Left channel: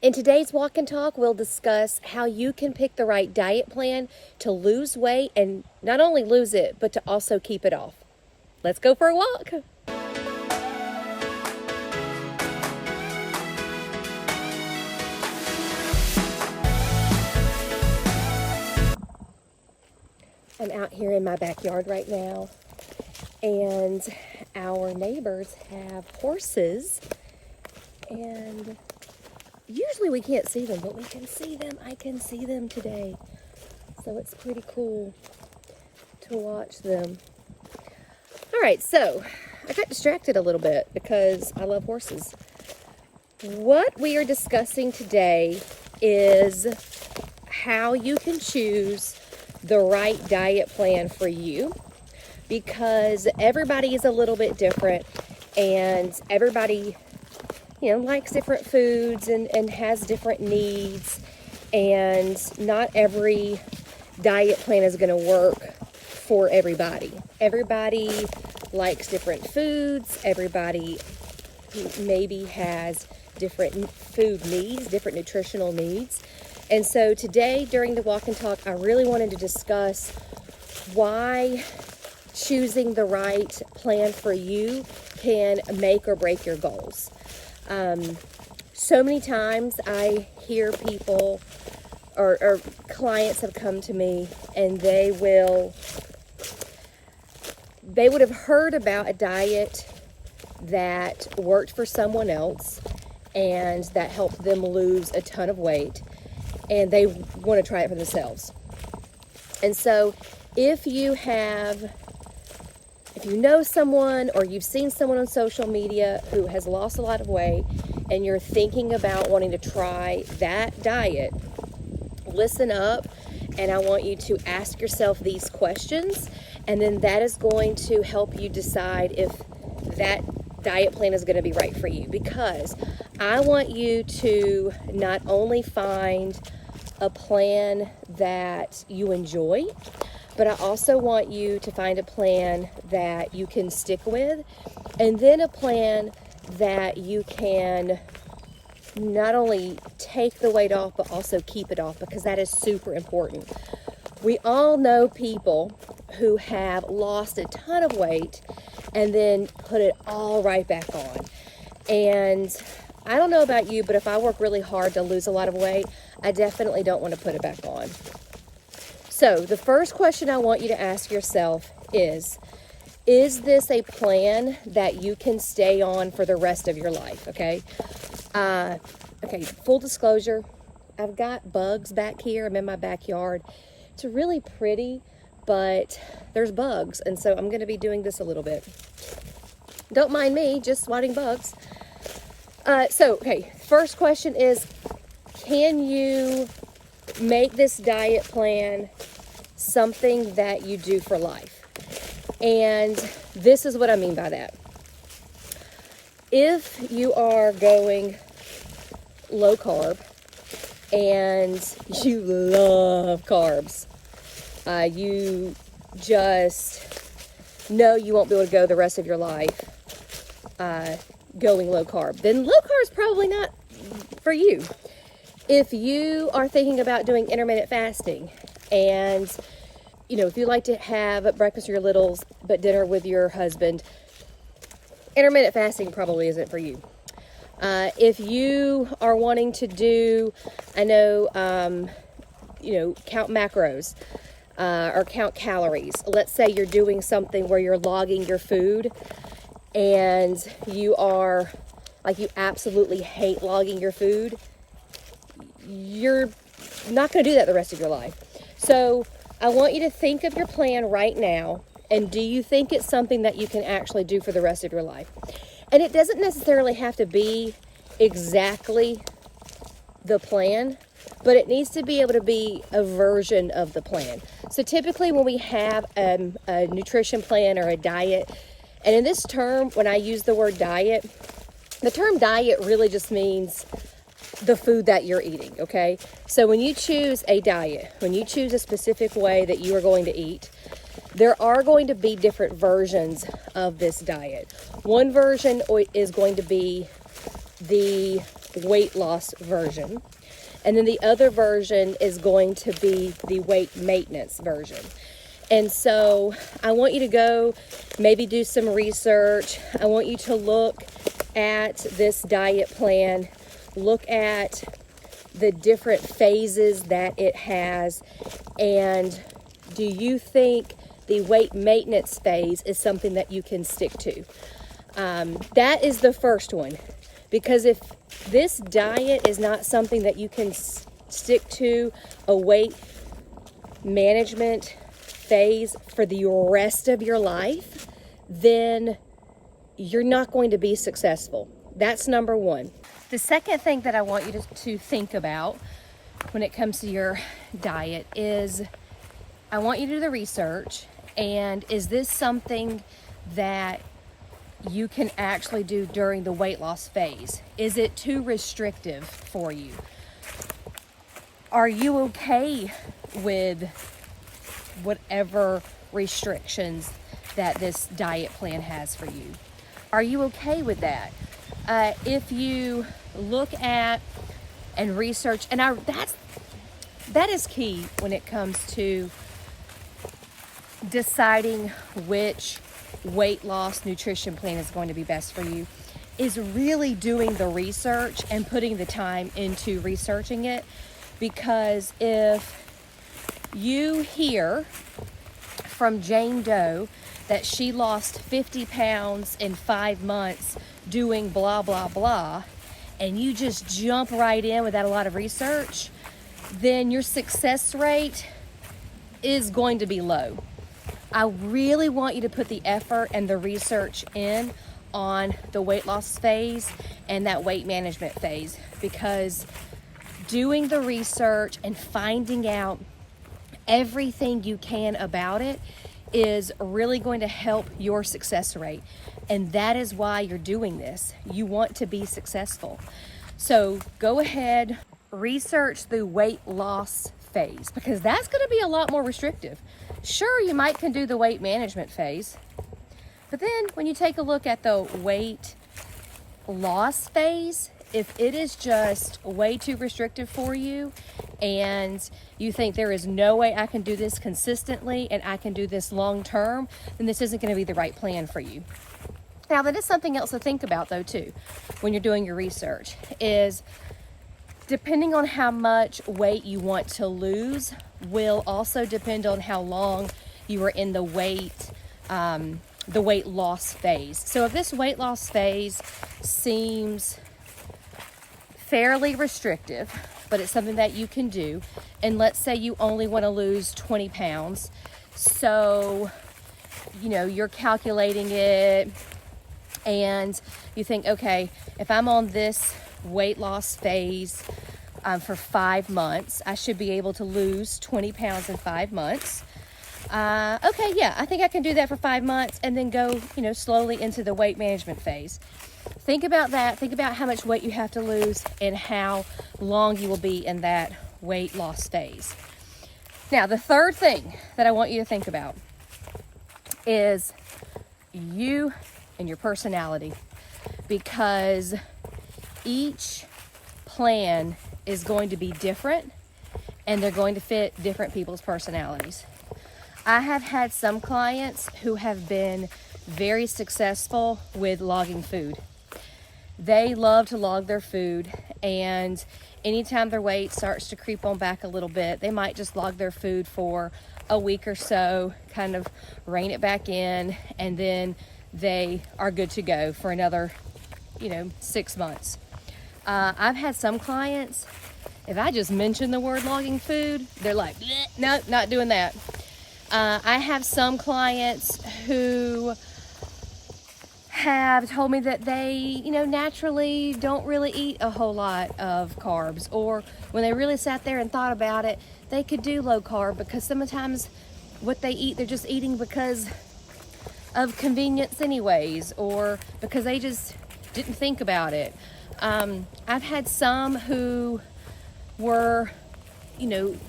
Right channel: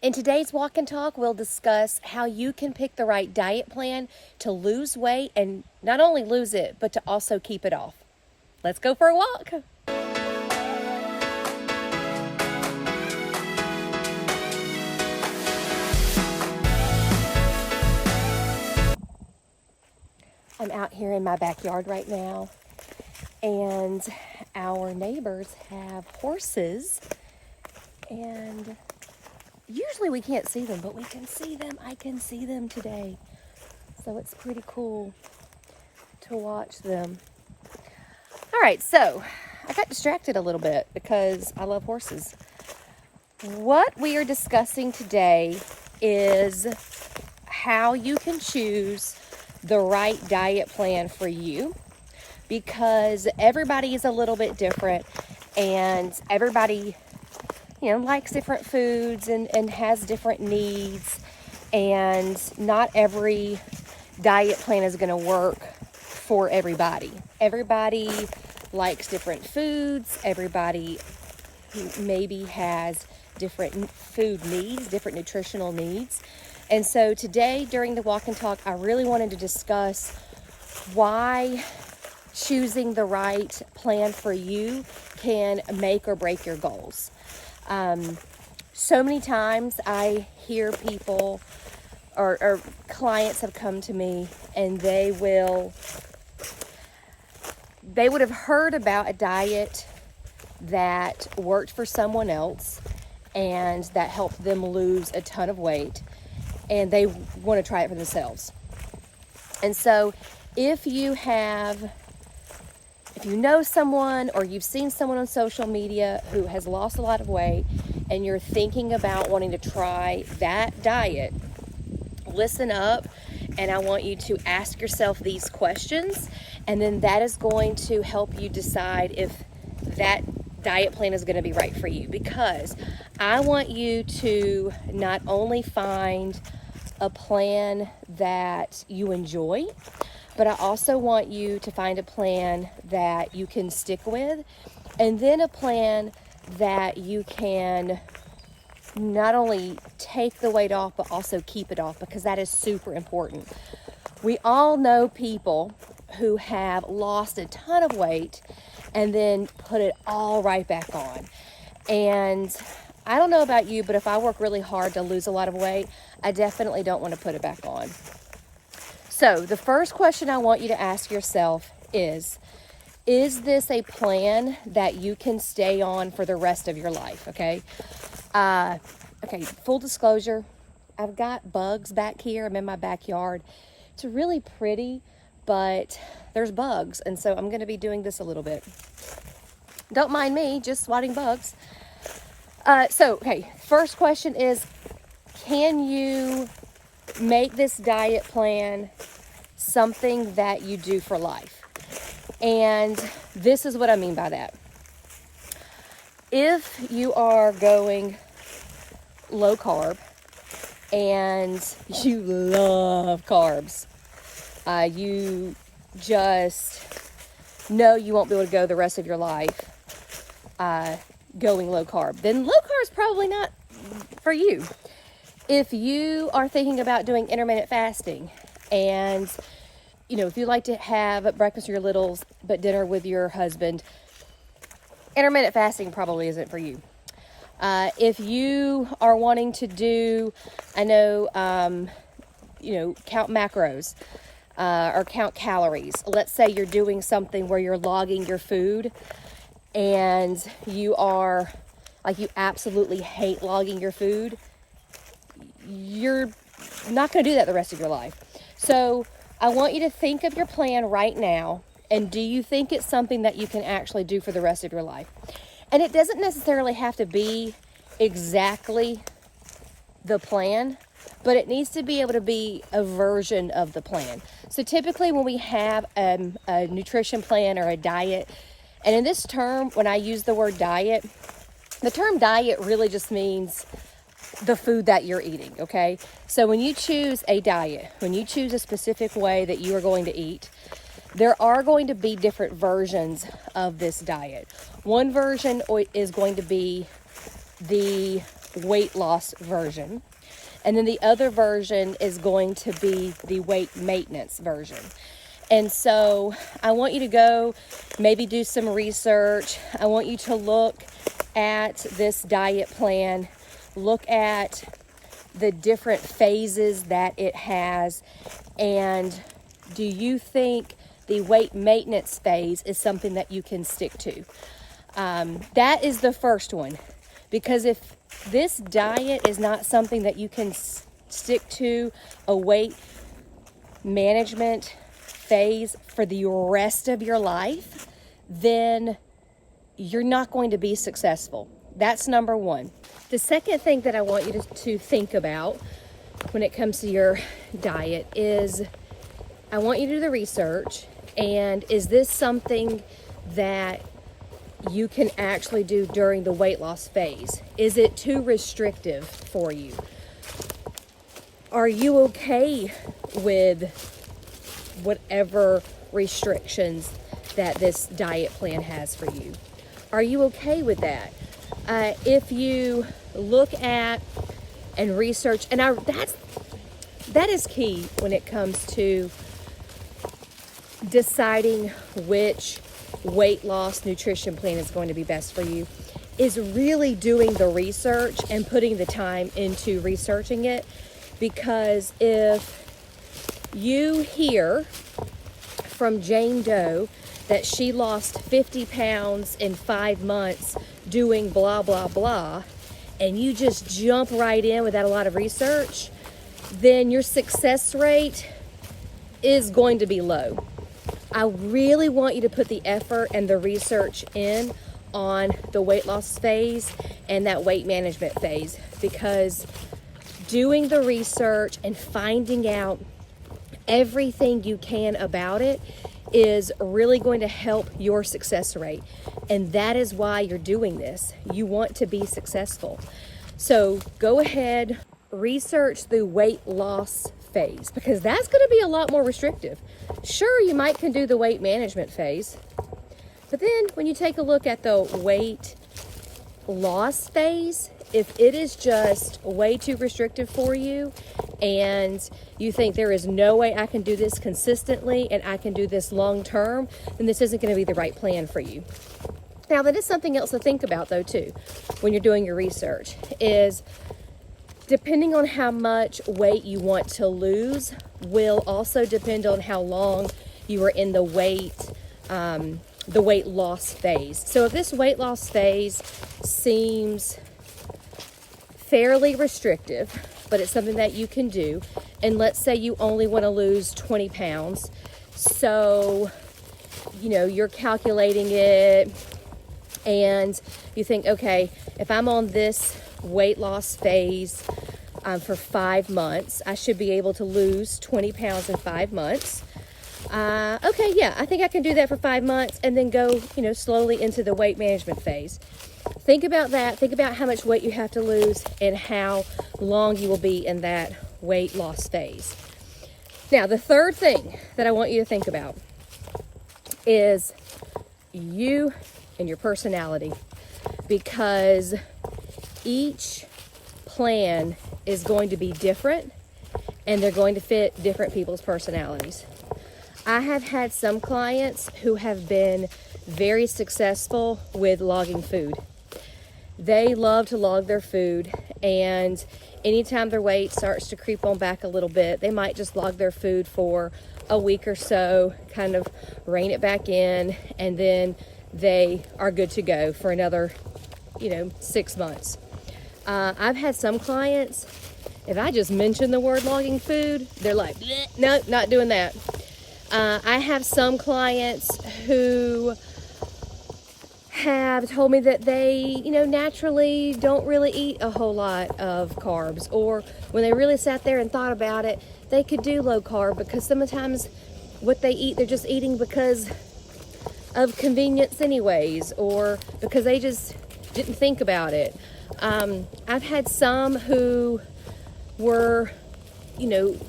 In today's Walk and Talk, we'll discuss how you can pick the right diet plan to lose weight and not only lose it, but to also keep it off. Let's go for a walk. I'm out here in my backyard right now, and our neighbors have horses, and usually we can't see them, but we can see them. I can see them today, so it's pretty cool to watch them. All right, so I got distracted a little bit because I love horses. What we are discussing today is how you can choose the right diet plan for you, because everybody is a little bit different and everybody likes different foods and has different needs, and not every diet plan is going to work for everybody. Everybody likes different foods. Everybody maybe has different food needs, different nutritional needs. And so today during the Walk and Talk, I really wanted to discuss why choosing the right plan for you can make or break your goals. So many times I hear people or clients have come to me and they would have heard about a diet that worked for someone else and that helped them lose a ton of weight, and they want to try it for themselves. And so if you know someone or you've seen someone on social media who has lost a lot of weight and you're thinking about wanting to try that diet, listen up, and I want you to ask yourself these questions, and then that is going to help you decide if that diet plan is going to be right for you. Because I want you to not only find a plan that you enjoy, but I also want you to find a plan that you can stick with, and then a plan that you can not only take the weight off, but also keep it off, because that is super important. We all know people who have lost a ton of weight and then put it all right back on. And I don't know about you, but if I work really hard to lose a lot of weight, I definitely don't want to put it back on. So the first question I want you to ask yourself is this a plan that you can stay on for the rest of your life? Okay. Full disclosure, I've got bugs back here. I'm in my backyard. It's really pretty, but there's bugs. And so I'm going to be doing this a little bit. Don't mind me, just swatting bugs. First question is, can you make this diet plan something that you do for life? And this is what I mean by that. If you are going low carb and you love carbs, you just know you won't be able to go the rest of your life going low carb, then low carb is probably not for you. If you are thinking about doing intermittent fasting, and if you like to have breakfast with your littles but dinner with your husband, intermittent fasting probably isn't for you. If you are wanting to do, count macros or count calories. Let's say you're doing something where you're logging your food and you absolutely hate logging your food. You're not going to do that the rest of your life. So I want you to think of your plan right now, and do you think it's something that you can actually do for the rest of your life? And it doesn't necessarily have to be exactly the plan, but it needs to be able to be a version of the plan. So typically when we have a nutrition plan or a diet, and in this term, when I use the word diet, the term diet really just means the food that you're eating, okay? So when you choose a diet, when you choose a specific way that you are going to eat, there are going to be different versions of this diet. One version is going to be the weight loss version. And then the other version is going to be the weight maintenance version. And so I want you to go maybe do some research. I want you to look at this diet plan, look at the different phases that it has, and do you think the weight maintenance phase is something that you can stick to? That is the first one, because if this diet is not something that you can stick to a weight management phase for the rest of your life, then you're not going to be successful. That's number one. The second thing that I want you to think about when it comes to your diet is, I want you to do the research, and is this something that you can actually do during the weight loss phase? Is it too restrictive for you? Are you okay with whatever restrictions that this diet plan has for you? Are you okay with that? If you look at and research, and that is key when it comes to deciding which weight loss nutrition plan is going to be best for you, is really doing the research and putting the time into researching it. Because if you hear from Jane Doe that she lost 50 pounds in 5 months doing blah, blah, blah, and you just jump right in without a lot of research, then your success rate is going to be low. I really want you to put the effort and the research in on the weight loss phase and that weight management phase, because doing the research and finding out everything you can about it is really going to help your success rate. And that is why you're doing this. You want to be successful. So go ahead, research the weight loss phase, because that's going to be a lot more restrictive. Sure, you might can do the weight management phase, but then when you take a look at the weight loss phase, if it is just way too restrictive for you and you think there is no way I can do this consistently and I can do this long term, then this isn't going to be the right plan for you. Now, that is something else to think about though too, when you're doing your research, is depending on how much weight you want to lose will also depend on how long you are in the weight loss phase. So if this weight loss phase seems fairly restrictive, but it's something that you can do, and let's say you only want to lose 20 pounds, so you're calculating it and you think, okay, if I'm on this weight loss phase for 5 months, I should be able to lose 20 pounds in 5 months. Okay, yeah, I think I can do that for 5 months, and then go, slowly into the weight management phase. Think about that. Think about how much weight you have to lose and how long you will be in that weight loss phase. Now, the third thing that I want you to think about is you and your personality, because each plan is going to be different and they're going to fit different people's personalities. I have had some clients who have been very successful with logging food. They love to log their food, and anytime their weight starts to creep on back a little bit, they might just log their food for a week or so, kind of rein it back in, and then they are good to go for another 6 months. I've had some clients, if I just mention the word logging food, they're like, no, not doing that. I have some clients who have told me that they, naturally don't really eat a whole lot of carbs, or when they really sat there and thought about it, they could do low carb, because sometimes what they eat, they're just eating because of convenience anyways, or because they just didn't think about it. I've had some who were,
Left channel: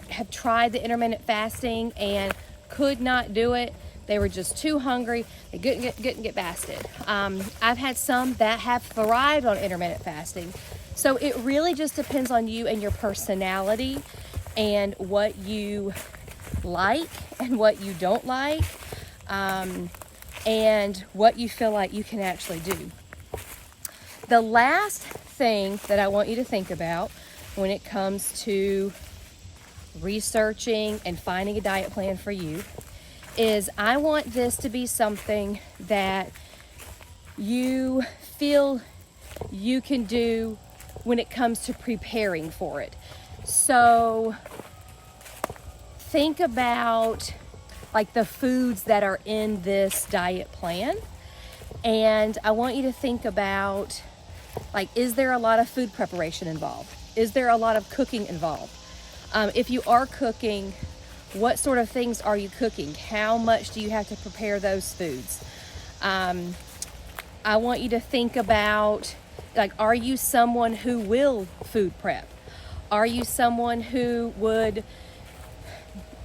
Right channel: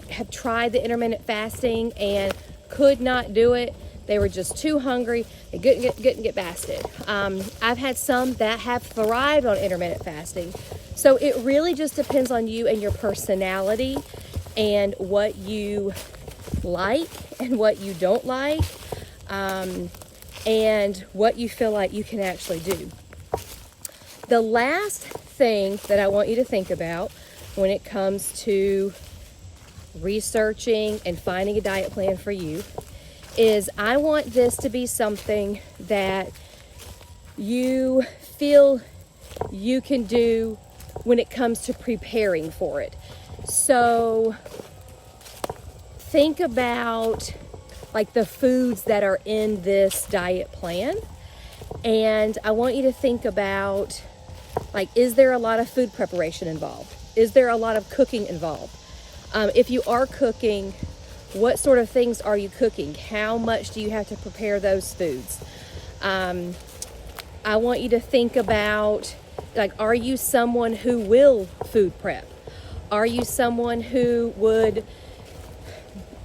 had tried the intermittent fasting and could not do it They were just too hungry. They couldn't get fasted. I've had some that have thrived on intermittent fasting. So it really just depends on you and your personality and what you like and what you don't like, and what you feel like you can actually do. The last thing that I want you to think about when it comes to researching and finding a diet plan for you is I want this to be something that you feel you can do when it comes to preparing for it. So think about like the foods that are in this diet plan, and I want you to think about, like, is there a lot of food preparation involved? Is there a lot of cooking involved? If you are cooking, what sort of things are you cooking? How much do you have to prepare those foods? I want you to think about, like, are you someone who will food prep? Are you someone who would,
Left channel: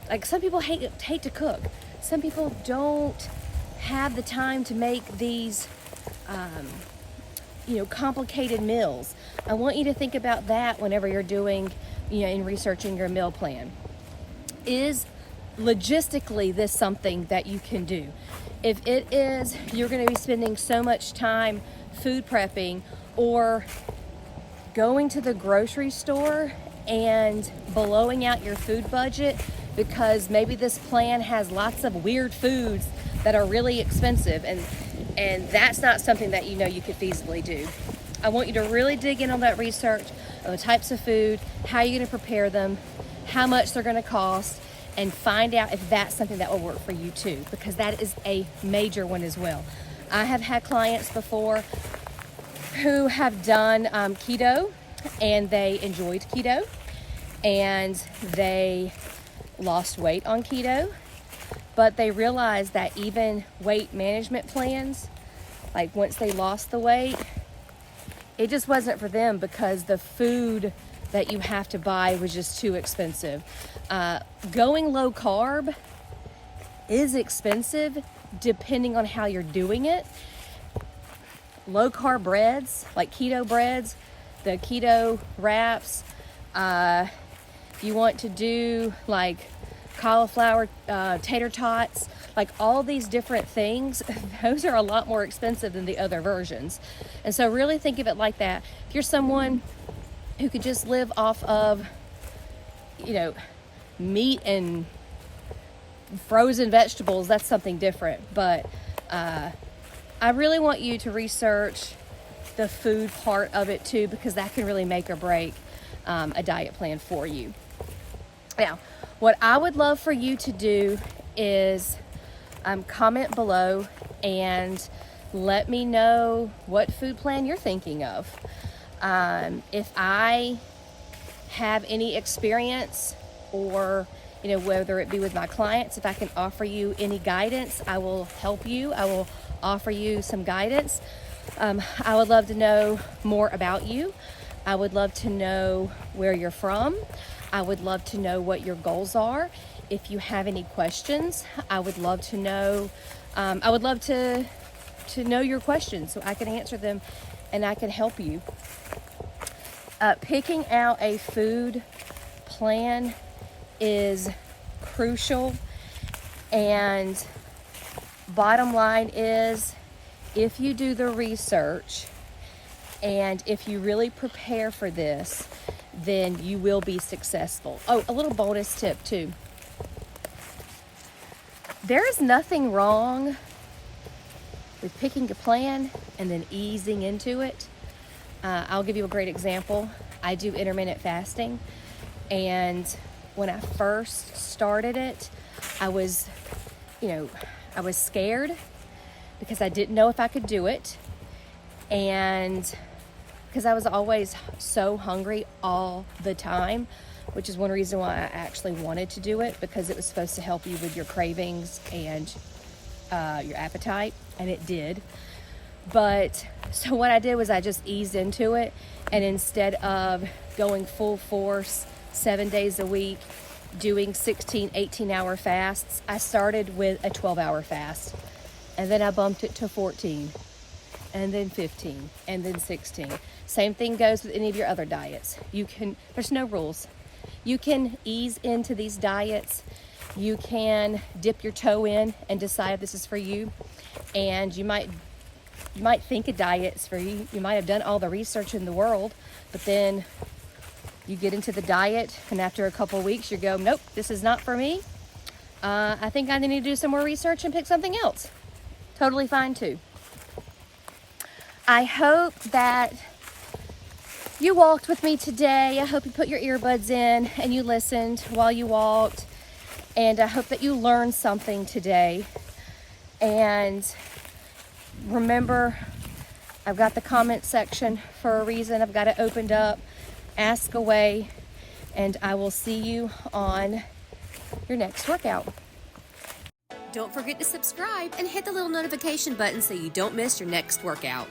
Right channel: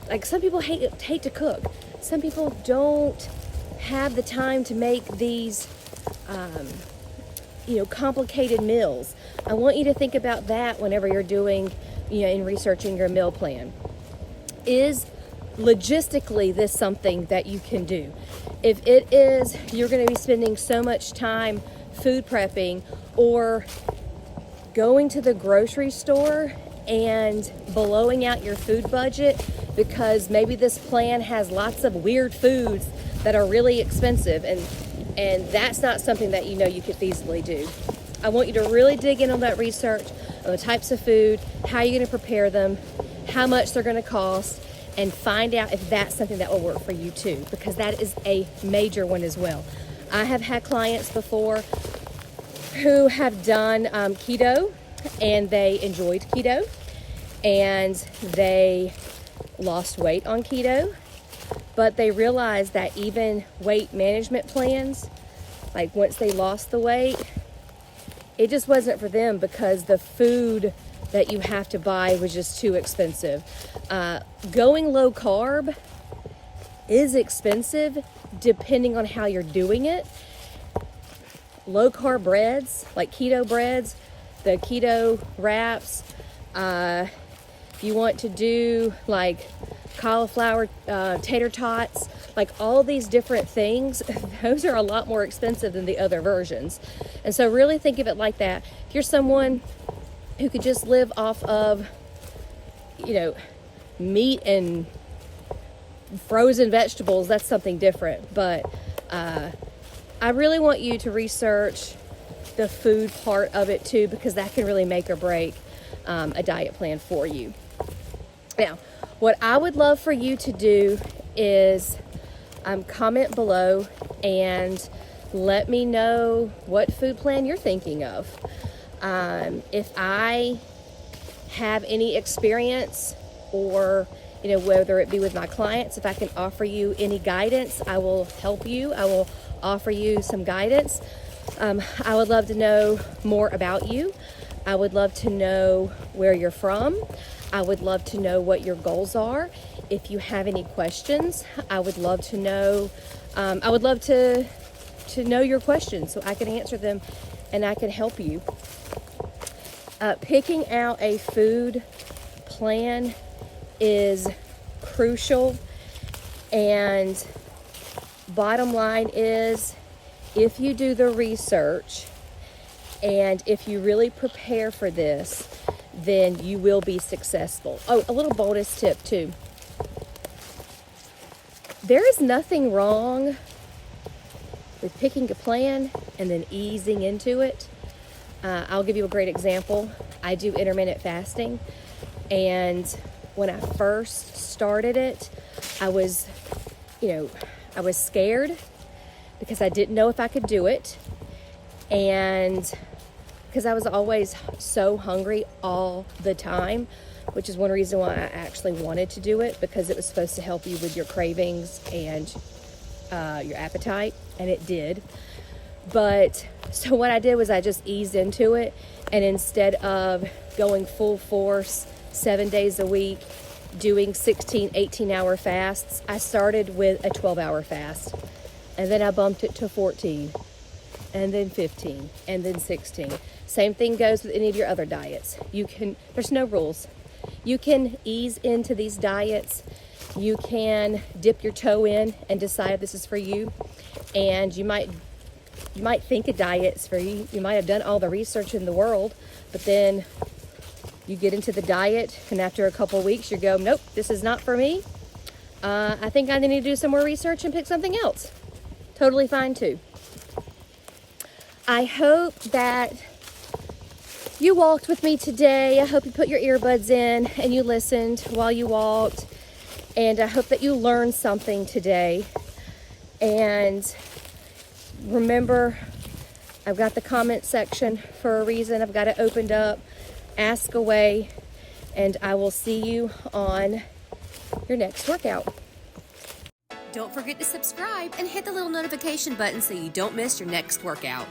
like, some people hate to cook. Some people don't have the time to make these, complicated meals. I want you to think about that whenever you're doing, in researching your meal plan. Is logistically this something that you can do? If it is, you're going to be spending so much time food prepping or going to the grocery store and blowing out your food budget because maybe this plan has lots of weird foods that are really expensive, and that's not something that you could feasibly do. I want you to really dig in on that research of the types of food, how you're going to prepare them, how much they're going to cost, and find out if that's something that will work for you too, because that is a major one as well. I have had clients before who have done keto, and they enjoyed keto, and they lost weight on keto, but they realized that even weight management plans, like once they lost the weight, it just wasn't for them because the food that you have to buy was just too expensive. Going low carb is expensive depending on how you're doing it. Low carb breads, like keto breads, the keto wraps, if you want to do like cauliflower tater tots, like all these different things, those are a lot more expensive than the other versions. And so really think of it like that. If you're someone who could just live off of, meat and frozen vegetables, that's something different. But I really want you to research the food part of it too, because that can really make or break a diet plan for you. Now, what I would love for you to do is comment below and let me know what food plan you're thinking of. If I have any experience, or whether it be with my clients, if I can offer you any guidance, I will help you. I will offer you some guidance. I would love to know more about you. I would love to know where you're from. I would love to know what your goals are. If you have any questions, I would love to know. I would love to know your questions so I can answer them and I can help you. Picking out a food plan is crucial, and bottom line is, if you do the research and if you really prepare for this, then you will be successful. Oh, a little bonus tip too. There is nothing wrong with picking a plan and then easing into it. I'll give you a great example. I do intermittent fasting, and when I first started it, I was scared because I didn't know if I could do it, and because I was always so hungry all the time, which is one reason why I actually wanted to do it, because it was supposed to help you with your cravings and your appetite, and it did. But so what I did was I just eased into it, and instead of going full force 7 days a week, doing 16, 18-hour fasts. I started with a 12-hour fast, and then I bumped it to 14, and then 15, and then 16. Same thing goes with any of your other diets. There's no rules. You can ease into these diets. You can dip your toe in and decide this is for you. And you might think a diet's for you. You might have done all the research in the world, but then you get into the diet, and after a couple of weeks, you go, nope, this is not for me. I think I need to do some more research and pick something else. Totally fine too. I hope that you walked with me today. I hope you put your earbuds in and you listened while you walked. And I hope that you learned something today. And remember, I've got the comment section for a reason. I've got it opened up. Ask away. And I will see you on your next workout. Don't forget to subscribe and hit the little notification button so you don't miss your next workout.